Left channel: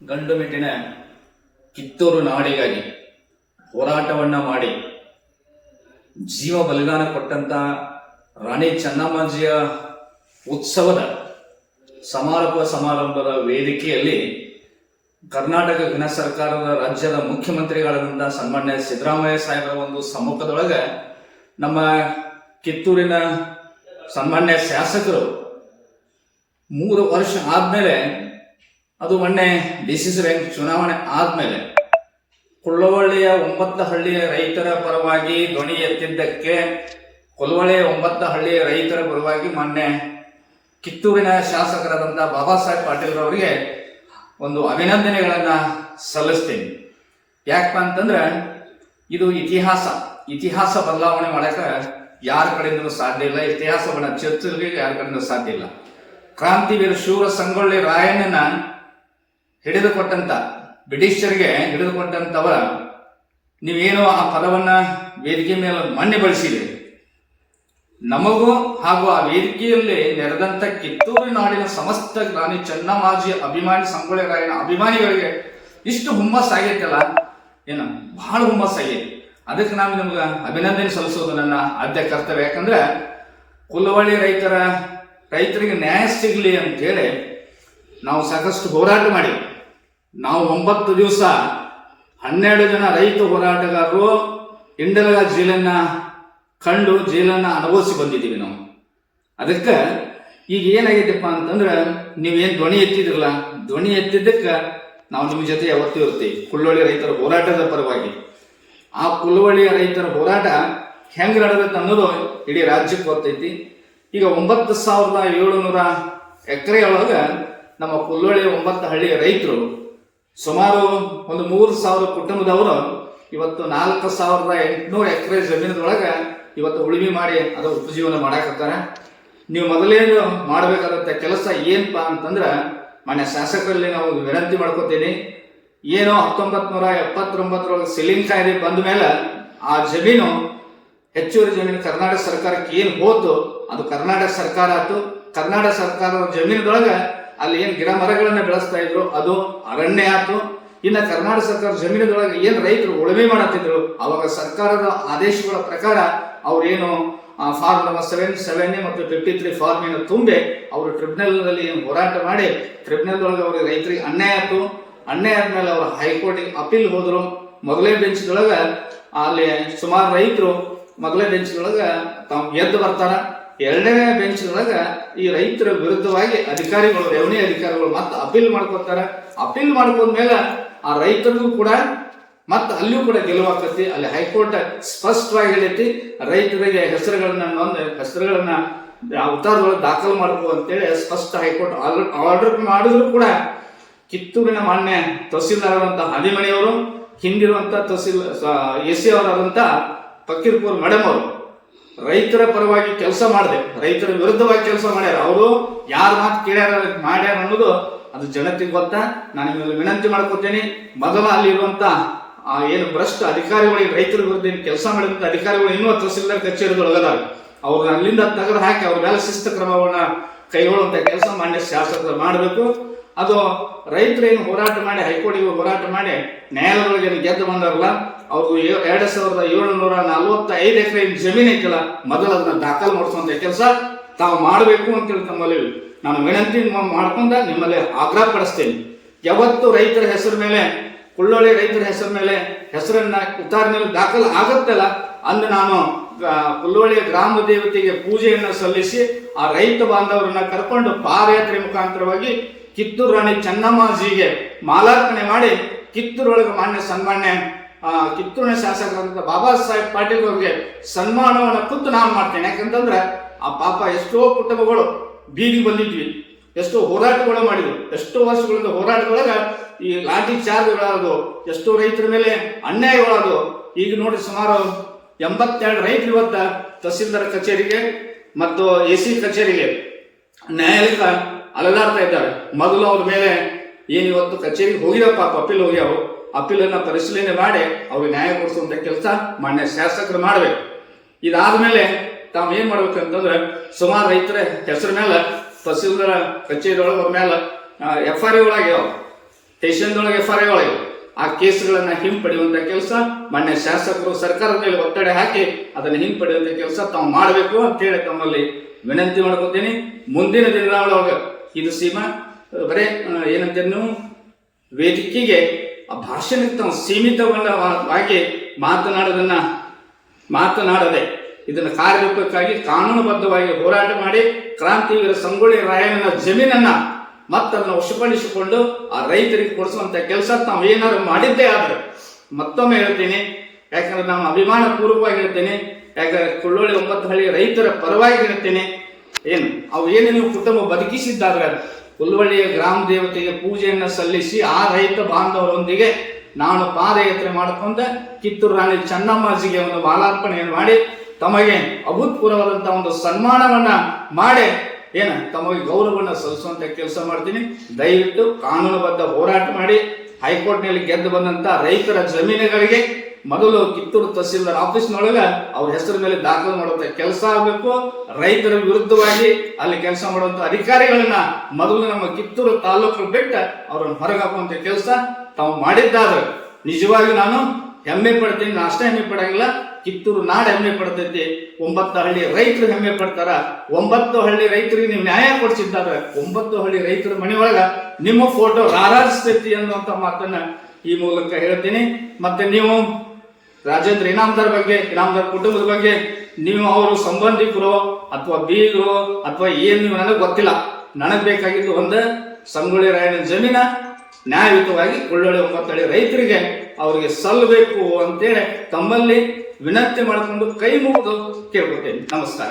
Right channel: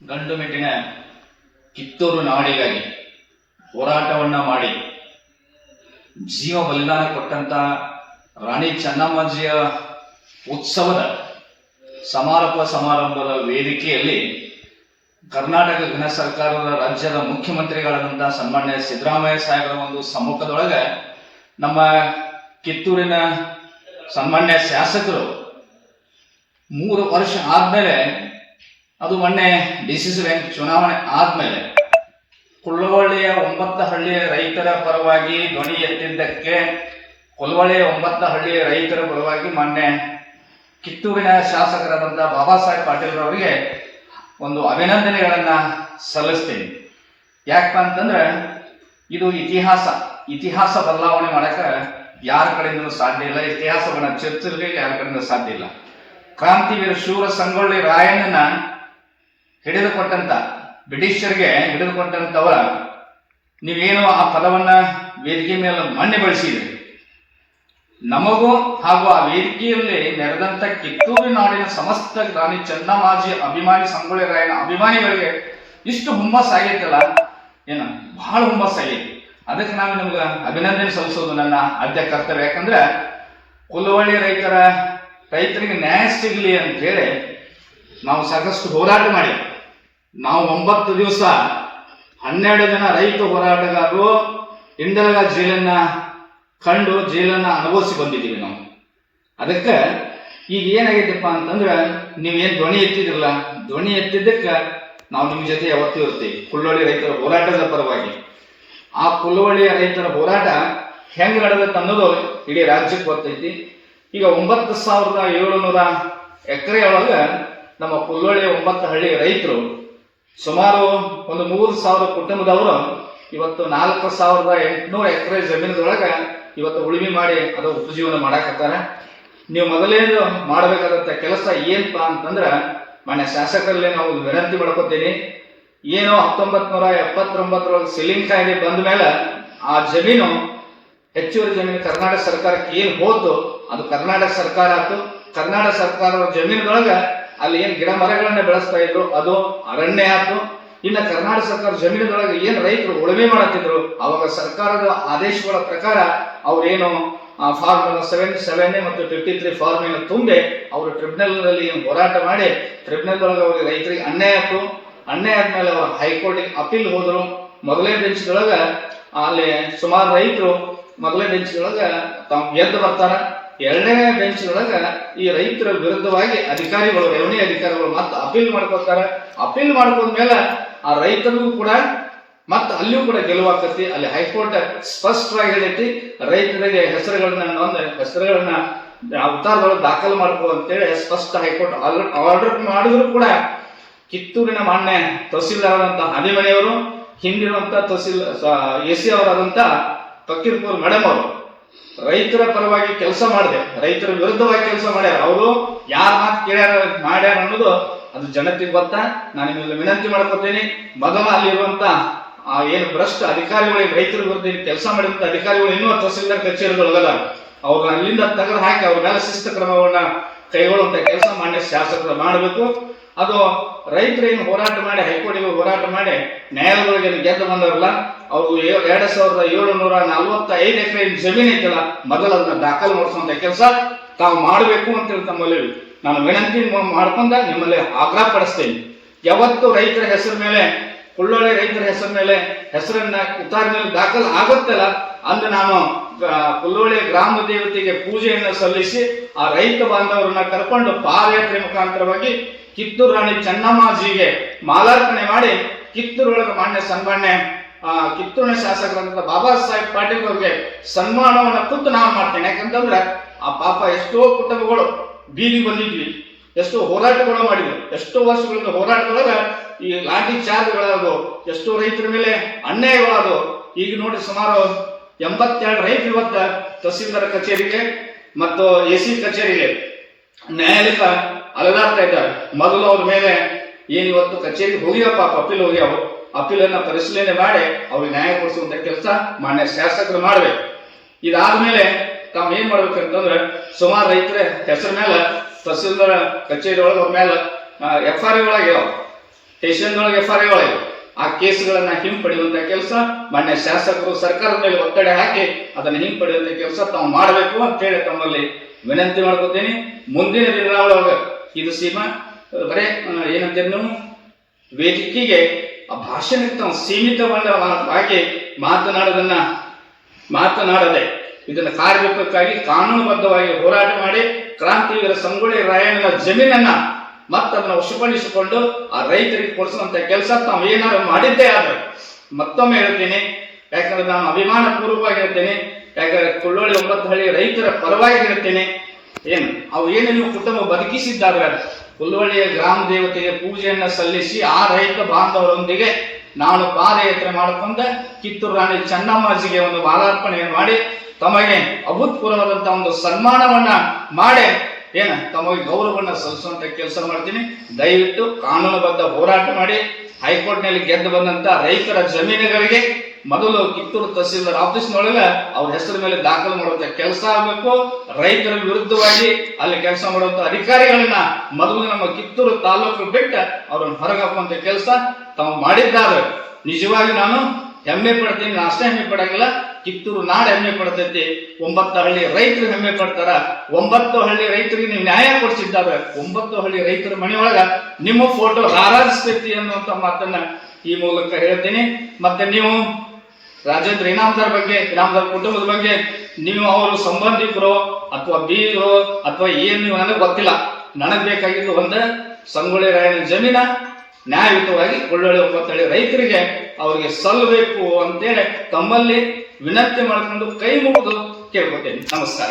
ಗಂಡು ಮೆಟ್ಟಿನ ಕಿತ್ತೂರು ನಾಡಿಗಾಗಿ ಹೋರಾಟವನ್ನ ಮಾಡಿ ಜೀವ ಬಲಿದಾನ ಕೊಟ್ಟಂತ ರಾಣಿ ಚೆನ್ನಮ್ಮಾಜಿಯ ಉತ್ಸವದ ಸಮಾರೋಪ ಸಮಾರಂಭದ ವೇದಿಕೆಯಲ್ಲಿ ಕರ್ನಾಟಕ ಗೃಹ ಸರ್ಕಾರದ ರಾಜ್ಯದ ಮುಖ್ಯಮಂತ್ರಿಗಳಾದಂಥ ಸನ್ಮಾನ್ಯ ಸಿದ್ದರಾಮಯ್ಯ ಸಾಹೇಬರ ಒಂದು ಸಮ್ಮುಖದೊಳಗೆ ನಮ್ಮ ಕಿತ್ತೂರಿನ ಸನ್ಮಾನ್ಯ ಶಾಸಕರು ಮೂರು ವರ್ಷ ಆದ್ಮೇಲೆ ಅದು ಮೊನ್ನೆ ಡಿ ಸಿ ಬ್ಯಾಂಕ್ ಚುನಾವಣೆ ಆದ್ಮೇಲೆ ಕುಳ್ಳವಳ್ಳಿಯ ಒಂಬತ್ತು ಹಳ್ಳಿಯ ರೈತರ ಪರವಾಗಿ ಧ್ವನಿ ಎತ್ತಿದ್ದಕ್ಕೆ ಕೊಲ್ವಳ್ಳಿಯ ಒಂಬತ್ತು ಹಳ್ಳಿಯ ರೈತರ ಪರವಾಗಿ ಮೊನ್ನೆ ಕಿತ್ತೂರಿನ ಶಾಸಕರಾದಂಥ ಬಾಬಾ ಸಾಹೇಬ್ ಪಾಟೀಲ್ ಅವರಿಗೆ ಒಂದು ಅಭಿನಂದನೆಗಳನ್ನು ಸಲ್ಲಿಸ್ತೀನಿ. ಯಾಕಪ್ಪ ಅಂತಂದ್ರೆ ಇದು ಇತಿಹಾಸ. ಇತಿಹಾಸ ಬದಲಾವಣೆ ಮಾಡಕ ಯಾರ ಕಡೆಯಿಂದಲೂ ಸಾಧ್ಯ ಇಲ್ಲ. ಇತಿಹಾಸವನ್ನ ಚರ್ಚಿಸಲಿಕ್ಕೆ ಯಾರ ಕಡೆಯಿಂದ ಸಾಧ್ಯ ಇಲ್ಲ. ಕ್ರಾಂತಿವೀರ ಶೂರ ಸಂಗೊಳ್ಳಿ ರಾಯಣ್ಣನ ಹಿಡಿದುಕೊಟ್ಟಂತ ಬ್ರಿಟಿಷರಿಗೆ ಹಿಡಿದುಕೊಟ್ಟಂತವರ ನೀವೇನು ಆ ಪದವನ್ನ ವೇದಿಕೆ ಮೇಲೆ ಮಣ್ಣೆ ಬಳಸಿದ್ರಿ. ನಮಗೂ ಹಾಗೂ ಆ ವೇದಿಕೆಯಲ್ಲಿ ನೆರೆದಂತ ಕಿತ್ತೂರು ನಾಡಿನ ಸಮಸ್ತ ರಾಣಿ ಚೆನ್ನಮಾಜಿ ಅಭಿಮಾನಿ ಸಂಗೊಳ್ಳಿ ರಾಯನ ಅಭಿಮಾನಿಗಳಿಗೆ ಇಷ್ಟು ಹುಮ್ಮಸ್ ಆಗೈತಲ್ಲ? ಏನು, ಬಹಳ ಹುಮ್ಮಸ್ ಆಗೈತಿ. ಅದಕ್ಕೆ ನಾನು ನಿಮ್ಗೆ ಅಭಿನಂದನೆ ಸಲ್ಲಿಸೋದು ನನ್ನ ಆದ್ಯ ಕರ್ತವ್ಯ. ಯಾಕಂದ್ರೆ ಕುಲವಳ್ಳಿ ರೈತರ, ರೈತರಿಗೆ ನ್ಯಾಯ ಸಿಗಲಿ ಅಂತೇಳಿ ನಾವು ಸಾಕಷ್ಟು ಹೋರಾಟ ಮಾಡಿ ನಾವು ಒಂಬತ್ತು ದಿವಸ ಹನ್ನೆರಡು ಜನ ರೈತ ಹೋರಾಟಗಾರರು ಇಂಡಲಗ ಜೈಲನ್ನ ಕಂಡು ಜೈಲನ್ನ ಅನುಭವಿಸಿ ಬಂದಿದ್ದೀವಿ ನಾವು. ಅದಕ್ಕೆ ಈಗ ಏನಾಗೈತಪ್ಪ ಅಂತಂದ್ರೆ ನೀವೇನು ಧ್ವನಿ ಎತ್ತಿದ್ರಲ್ಲ, ಧ್ವನಿ ಎತ್ತಿದ್ದಕ್ಕೆ ನಾವು ನಿಮ್ಮ ಜೊತೆ ಯಾವತ್ತೂ ಇರ್ತೀವಿ. ಕುಲ್ಲೊಳ್ಳಿ ರೈತರ ಹೋರಾಟದ ಪರವಾಗಿ. ಆ ಕುಲ್ಲವಳ್ಳಿಯ ರೈತರ ಹೋರಾಟ ಹೆಂಗ್ ನಡೆದತ್ತೆ ಅನ್ನೋದು ಇಡೀ ರಾಜ್ಯಕ್ಕೆ ಗೊತ್ತೈತಿ. ಈಗ ಒಂಬತ್ತು ಸಾವಿರದ ಏಳುನೂರ ಎಕರೆ ಒಳಗೆ ನಮ್ಮ ಕುಲ್ಲೊಳ್ಳಿಯ ಒಂಬತ್ತು ಹಳ್ಳಿಯ ರೈತರು ಸುಮಾರು ಒಂದು ಮೂರು ಸಾವಿರ ಕುಟುಂಬದವರು ಇವತ್ತು ನಾಲ್ಕು ಸಾವಿರದ ಎಂಟುನೂರು ಎಕರೆ ಜಮೀನದೊಳಗೆ ಇವತ್ತು ಉಳುಮೆ ಮಾಡಿ ಅದರ ಉಪಜೀವನ ಮಾಡಾಕತ್ತಾರ. ನೀವು ಮೊದಲೇನು ಮಾಡಬೇಕಾದಂಥ ಕೆಲಸ ಏನಪ್ಪ ಅಂತಂದ್ರೆ ಮಾನ್ಯ ಶಾಸಕರಲ್ಲಿ ನಾವು ವಿನಂತಿ ಮಾಡ್ಕೋತೀನಿ. ಏನೋ ಹತ್ತೊಂಬತ್ತು ನೂರ ಎಪ್ಪತ್ತೊಂಬತ್ತರೊಳಗೆ ಸಿಲಿಂಗ್ ಕಾಯ್ದೆ ಬಂದ ಮೇಲೆ ಆ ಜಮೀನು ಹೆಚ್ಚುವರಿ ಜಮೀನು ಕರ್ನಾಟಕ ಸರ್ಕಾರಕ್ಕೆ ಏನು ಹೋತು? ಅದು ಕರ್ನಾಟಕ ಸರ್ಕಾರ ಆಯ್ತು. ಕರ್ನಾಟಕ ಸರ್ಕಾರದ ಜಮೀನುದೊಳಗೆ ಅಲ್ಲಿ ಏನು ಗಿಡ ಮರಗಳನ್ನ ಬೆಳೆಸ್ತಾ ಇದ್ರು, ಅದು ಅರಣ್ಯ ಆಯ್ತು. ಇನ್ನು ಕರ್ನಾಟಕ ಸರ್ಕಾರ ಜಮೀನದೊಳಗೆ ಏನು ರೈತರು ಉಳುಮೆ ಮಾಡುತ್ತಿದ್ರು, ಅವಾಗ ಸರ್ಕಾರದ ಆದೇಶಗಳ ಪ್ರಕಾರ ಅವ್ರೇನು ಫಾರ್ಮ್ ಸೆವೆನ್ ಸೆವೆನ್ ಮತ್ತು ಫಿಫ್ಟಿ ತ್ರೀ ಫಾರ್ಮ್ ತುಂಬೆ ಅವರು ಟ್ರಿಬ್ಯುನಲ್ನಲ್ಲಿ ಏನು ಹೋರಾಟ ಮಾಡಿ ಟ್ರಿಬ್ಯುನಲ್ ಒಳಗೆ ಅವ್ರಿಗೆ ರೈತರಿಗೆ ಅನ್ಯಾಯ ಆಯ್ತು. ಅನ್ಯಾಯ ಆದ್ಮೇಲೆ ಅವರು ಹೈಕೋರ್ಟಿಗೆ ಅಪೀಲ್ ಹೋದರು. ಮೊದಲೇ ಬೆಂಚ್ದೊಳಗೆ ಅಲ್ಲಿ ಸುಮಾರು ರೈತರು ಮೊದಲೇ ಬೆಂಚ್ದೊಳಗೆ ತಾವು ಎದ್ದು ಬರ್ತಾರ. ಎರಡನೇ ಬೆಂಚ್ ಒಳಗೆ ಈ ರೈತರ ವಿರುದ್ಧವಾಗಿ ಅಧಿಕಾರಿಗಳು, ರೆವೆನ್ಯೂ ಅಧಿಕಾರಿಗಳು ಮತ್ತೆ ಅಪೀಲ್ ಮಾಡ್ಕೋತಾರೆ ಅಪೀಲ್ ಮಾಡ್ಕೊಂಡ್ಮೇಲೆ ಆ ರೈತರಿಗೂ ಕೂಡ ಮತ್ತೆ ಅಲ್ಲಿಯೂ ಕೂಡ ಗೆಲುವಾಕತಿ ಅಲ್ಲಿ ಹೈಕೋರ್ಟ್ ಸ್ಪಷ್ಟವಾಗಿ ಹೇಳೈತಿ, ರೈತರಿಗೆ ಹೆಸರುಗಳನ್ನ ನೋಂದ, ಹೆಸರುಗಳನ್ನ ಉತ್ತಾರದೊಳಗೆ ದಾಖಲು ಮಾಡ್ಕೋ ಅಂತೇಳಿ ಸ್ಪಷ್ಟ ಹೈಕೋರ್ಟ್ ಆರ್ಡರ್ ಮಾಡಿದ್ರು ಕೂಡ ಕಿತ್ತೂರಿನ ಮಾನ್ಯ ತಹಸೀಲ್ದಾರ್ ಹನಿಮಣಿಯವರು ಹಿಂದಿರುವಂತ ತಹಸೀಲ್ ಎ ಸಿ ಅವರಾದಂತ ಫಕೀರ್ಪುರ್ ಮೇಡಮ್ ಅವರು ರೈತರ ಪರವಾಗಿ ಕೆಲಸ ಮಾಡಿದೆ. ರೈತರ ವಿರುದ್ಧವಾಗಿ ಕೆಲಸ ಮಾಡ್ಯಾರ. ಅವರು ಯಾರ ಮಾತು ಕೇಳ್ಯಾರ ಮಾಡ್ಯಾರ ಅನ್ನೋದು ಅದು ಜನತೆಗೆ ಗೊತ್ತಾ. ನಾನು ನಿಮ್ಮಲ್ಲಿ ವಿನಂತಿ ಮಾಡ್ಕೊತೀನಿ. ಮೊದಲ ಅಲ್ಲಿರುವಂತ, ಆ, ಏನು ಭ್ರಷ್ಟ ಅಧಿಕಾರಿಗಳಿಗೆ ರೈತರ ವಿರುದ್ಧ ಕೆಲಸ ಮಾಡಿದಂತ ಅಧಿಕಾರಿಗಳು ಇನ್ನೂ ತಹಸೀಲ್ದಾರ್ ಅಲ್ಲದ ಅವ್ರನ್ನ ಅಲ್ಲಿಂದ ತೆಗೆದು ಹಾಕಿ ಅವ್ರ ಮೇಲೆ ಶಿಸ್ತು ಕ್ರಮವನ್ನ ಕೈಗೊಳ್ಳುವಂತ ಕೆಲಸ ಮಾನ್ಯ ಶಾಸಕರು ಮಾಡಬೇಕು. ಅದು ರೈತರೇನು ಹೋರಾಟ ಮಾಡಿ, ಹೈಕೋರ್ಟಿಗೆ ಹೋರಾಟ ಮಾಡಿ ನ್ಯಾಯಾಲಯದೊಳಗೆ ಗೆದ್ದು ಬಂದವರಲ್ಲ ಅವರು ಎರಡು ಸಾವಿರದ ಏಳುನೂರ ನಲವತ್ತೈದು ಎಕರೆ ಜಮೀನು ಐತಲ್ಲ, ಮೊದಲು ಅದನ್ನ ದಾಖಲು ಮಾಡಿಸುವಂತ ಕೆಲಸ ತಾವು ಮಾಡಬೇಕು ಅಂತೇಳಿ ತಮ್ಮಲ್ಲಿ ನಾನು ವಿನಂತಿ ಮಾಡ್ಕೊಂಡ ನಿಮ್ಮಲ್ಲಿ ಆಗ್ರಹ ಪಡಿಸ್ತೇನೆ. ಯಾವತ್ತು ರೈತರ ಹೆಸರು ಮೇಲೆ, ಕುಳ್ಳೊಳ್ಳೆ ರೈತರ ಹೆಸರು ಮೇಲೆ, ಹೆಸರನ್ನ, ಉತ್ತಾರ ಮೇಲೆ ದಾಖಲು ಆಗುತ್ತಲ್ಲ ಅಂದು ನಾನು ಕುಲ್ಲೋಳಿಯ ಗ್ರಾಮ ದೇವತೆಗೆ ಪೂಜೆಯನ್ನು ಸಲ್ಲಿಸಿ ಆ ರೈತ ಬಾಂಧವರನ್ನ ಕರ್ಕೊಂಡು ಪಾದಯಾತ್ರೆ ಮುಖಾಂತರವಾಗಿ ಕಿತ್ತೂರು ರಾಣಿ ಚೆನ್ನಮ್ಮಾಜಿಗೆ ಮಾಲಾರ್ಪಣೆ ಮಾಡಿ ಕಿತ್ತೂರೊಳಗೆ ಮಾನ್ಯ ಸನ್ಮಾನ್ಯ ಕಿತ್ತೂರಿನ ಶಾಸಕರಾದಂಥ ಬಾಬಾ ಸಾಹೇಬ್ ಪಾಟೀಲ್ ಅವರಿಗೆ ಸನ್ಮಾನವನ್ನು ಖುದ್ದು ನಾವು ಮಾಡ್ತೇನೆ. ಯಾಕಂತಂದ್ರೆ ಆ ಪಾಪ ಎಷ್ಟೋ ಕುಟುಂಬಗಳು ಬೀದಿಗೆ ಬಂದಿದ್ವಿ, ಎಷ್ಟೋ ಹೋರಾಟಗಳು ಮಾಡಿದ್ವಿ, ಎಷ್ಟೋ ವರ್ಷಗಳಿಂದ ಹೋರಾಟದೊಳಗೆ ಈ ಲಾಠಿ ಚಾರ್ಜ್ಗಳಾದವು, ಎಷ್ಟೋ ರೈತರ ಮೇಲೆ ಅನ್ಯಾಯಗಳಾದವು. ಈಗ ನೋಡಿ ಸುಮಾರು ಎಂಬತ್ತೆರಡು ರೈತರು ಇವತ್ತ ತಹಸೀಲ್ದಾರ್ ಕಚೇರಿಗೆ ಮತ್ತು ಎ ಸಿ ಕಚೇರಿಗೆ ನ್ಯಾಯಾಲಯಕ್ಕೆ ಅಲದಾಡ್ತಾ ಇದ್ದಾರೆ. ಮೊದಲು ಅವ್ರ ಮೇಲೆ ಏನು ಇವತ್ತು ಕಚೇರಿಗೆ ಹೋಗಿರೋ ಪಾಪ ಅಪೀಲ್ ಹೋಗ್ಯಾವು ಅಪೀಲನ್ನ ಪರಿಶೀಲನೆ ಮಾಡಿ ಅವ್ರಿಗೆ ನ್ಯಾಯ ಕೊಡಿಸುವಂತ ಕೆಲಸ ಮಾನ್ಯ ಶಾಸಕರು ಮಾಡಬೇಕು. ಇದಾದ್ಮೇಲೆ ತಾವು ಏನ್ ಮಾಡ್ಬೇಕಂತಂದ್ರೆ ಸುಮಾರು ರೈತರ ಹೆಸರ ಮೇಲೆ ತಹಸೀಲ್ದಾರ ಕಚೇರಿ ಒಳಗೆ ಅವ್ರ ಮೇಲೆ ಎಫ್ ಆರ್ ಒಳಗೆ ಸ್ಟೇಷನ್ ಒಳಗೆ ಅವ್ರ ಎಫ್ ಆರ್ ಒಳಗೆ ಆ ಕೇಸುಗಳನ್ನ ಹಿಂಪಡೆಯುವಂತ ಕೆಲಸ ಮಾನ್ಯ ಶಾಸಕರು ಸರ್ಕಾರದ ಮೇಲೆ ಒತ್ತಡ ಹಾಕಿ ಅದನ್ನು ಹಿಂಪಡೆಯುವಂತ ಕೆಲಸ ತಾವು ಮಾಡಬೇಕು ಅಂತ ಹೇಳಿ ತಮ್ಮಲ್ಲಿ ವಿನಂತಿ ಮಾಡ್ಕೋತೀನಿ. ಮುಂದಿನ ದಿನಗಳೊಳಗೆ ಇದು ಸೀಮಾ, ಬರೇ ಏನಂತ ನೀವು? ವೇದಿಕೆಗೆ ಆ ಭಾಷಣಕ್ಕೆ ತಾವು ಸೀಮಿತವಾಗಿ ಮಾತನಾಡೋದನ್ನ, ಮಾತನಾಡದೆ ಇದನ್ನು ಕಾರ್ಯರೂಪಕ್ಕಾಗಿ ಕಾನೂನುಬದ್ಧವಾಗಿ ಹೋರಾಟ ಮಾಡಿ ಕ್ರಾಂತಿವೀರ ಸಂಗೊಳ್ಳಿ ರಾಯಣ್ಣನ ಜಮೀನನ್ನ ಮತ್ತದನ್ನ ವಶಪಡಿಸಿಕೊಂಡು ಆ ರೈತರಿಗೆ ಕೊಡಿಸುವಂತ ಕೆಲಸ ತಾವು ಏನಾದ್ರು ಮಾಡಿದ್ದೇ ಆದ್ರೆ ಮತ್ತೊಮ್ಮೆ ಹೇಳ್ತೀನಿ, ಯಾಕಂದ್ರೆ ನಾನು ಅಭಿಮಾನ ಪೂರ್ವಕವಾಗಿ ಹೇಳ್ತೇನೆ ಯಾಕಂದ್ರೆ ಕೊಳ್ಳೋಳಿ ಒಂಬತ್ತು ಹಳ್ಳಿ ರೈತರ ಪರವಾಗಿ ಹೇಳ್ತೇನೆ ಏನು? ಅವು ಏನು ನೀವು ಕುಟುಂಬ ಬದುಕಿಸಿದ್ದಾಗ ಕುಲ್ವಳ್ಳಿಯ ಗ್ರಾಮ ದೇವತೆಗೆ ಪೂಜೆಯನ್ನು ಸಲ್ಲಿಸಿ ಆ ರೈತ ಬಾಂಧವರೊಂದಿಗೆ ನಾನು ಪಾದಯಾತ್ರೆ ಮಾಡಿಕೊಂಡ ಕಿತ್ತೂರು ರಾಣಿ ಚನ್ನಮ್ಮಾಜಿಗೆ ಒಂದು ಬಾಲಾರ್ಪಣೆಯನ್ನು ಮಾಡಿ ತಮಗೆ ಅಭೂತಪೂರ್ವವಾದಂತಹ ಒಂದು ಸನ್ಮಾನವನ್ನ ಮಾಡಿ ಏನ? ತಮಗೆ ಗೌರವವನ್ನು ಸಲ್ಲಿಸುವಂಥ ಕೆಲಸ ಮಾಡ್ತೀನಿ. ದಯವಿಟ್ಟು ಕಾನೂನುಬದ್ಧ ಹೋರಾಟ ಮಾಡಿ. ಹೈಕೋರ್ಟ್ನಲ್ಲಿ ಗೆದ್ದು ಬಂದಂತ ರೈತರ ಜಮೀನುಗಳಿಗೆ ಮೊದಲು ಕಿತ್ತೂರು ತಹಸೀಲ್ದಾರ್ ಆಫೀಸ್ನೊಳಗೆ ಅವ್ರ ಹೆಸರು ಮೇಲೆ ದಾಖಲು ಮಾಡುವಂಥ ಕೆಲಸ ಆಗಬೇಕು. ರೈತರ ವಿರುದ್ಧವಾಗಿ ಅಲ್ಲಿ ಕೆಲಸ ಮಾಡುವಂಥ ಅಧಿಕಾರಿಗಳನ್ನ ಮೊದಲು ನಮ್ಮ ಕಿತ್ತೂರು ತಾಲೂಕು ಬಿಟ್ಟು ಅವ್ರನ್ನ ಹೊರಗೆ ಹಾಕುವಂಥ ಕೆಲಸ ತಾವು ಮಾಡಿದ್ದಾದ್ರೆ ನಿಜವಾಗಿ ನಾನು ಹೆಮ್ಮೆ ಪಡ್ತೀನಿ. ನಾನು ಅಷ್ಟೇ ಹೆಮ್ಮೆ ಪಡಂಗಿಲ್ಲ. ಕಿತ್ತೂರು ನಾಡು ಹೆಮ್ಮೆ ಪಡ್ತೈತಿ. ಒಂಬತ್ತು ಹಳ್ಳಿ ರೈತರು ಹೆಮ್ಮೆ ಪಡ್ತಾರ. ಒಂಬತ್ತು ಹಳ್ಳಿ ರೈತರಿಗೆ ನೀವು ನ್ಯಾಯ ಕೊಡಿಸಿದ್ದಾರೆ ಒಂಬತ್ತು ಹಳ್ಳಿ ರೈತರ ಮನೆಯೊಳಗ ನಿಮ್ಮ ಫೋಟೋ ರಾರಾಜಿಸ್ತೈತಿ ಅನ್ನುವಂತ ಮಾತನ್ನ ಈ ಮೂಲಕ ಹೇಳ್ತೀನಿ. ಮತ್ತೆ ನೀವು ರಾಜೇಂದ್ರ ಇನಾಮದಾರ್ ಬಗ್ಗೆ, ಇನಾಮದಾರ್ ಕುಟುಂಬದ ಬಗ್ಗೆ, ನೀವು ಅವರು ಸಂಬಂಧಿಕರು ಅಥವಾ ಬೀಗರು ಅಥವಾ ಏನ್ ನೀವು ನನಗೆ ಗೊತ್ತಿಲ್ಲ. ನನಗೆ ಬೇಕಾಗಿದ್ದು ಒಂದು ಸಂಗೊಳ್ಳಿ ರಾಯಣ್ಣ ಜಮೀನ, ನ್ಯಾಯಯುತವಾಗಿ ಒಂಬತ್ತು ಒಂಬತ್ತಳಿ ರೈತರಿಗೆ ಅವರಿಗೆ ಸಲ್ಲಬೇಕು ಅಂತೇಳಿ ತಮ್ಮಲ್ಲಿ ವಿನಂತಿ ಮಾಡಿಕೊಂಡು ಕೈ ಮುಗಿದು ಕೇಳ್ಕೊತೇನೆ. ನಮಸ್ಕಾರ.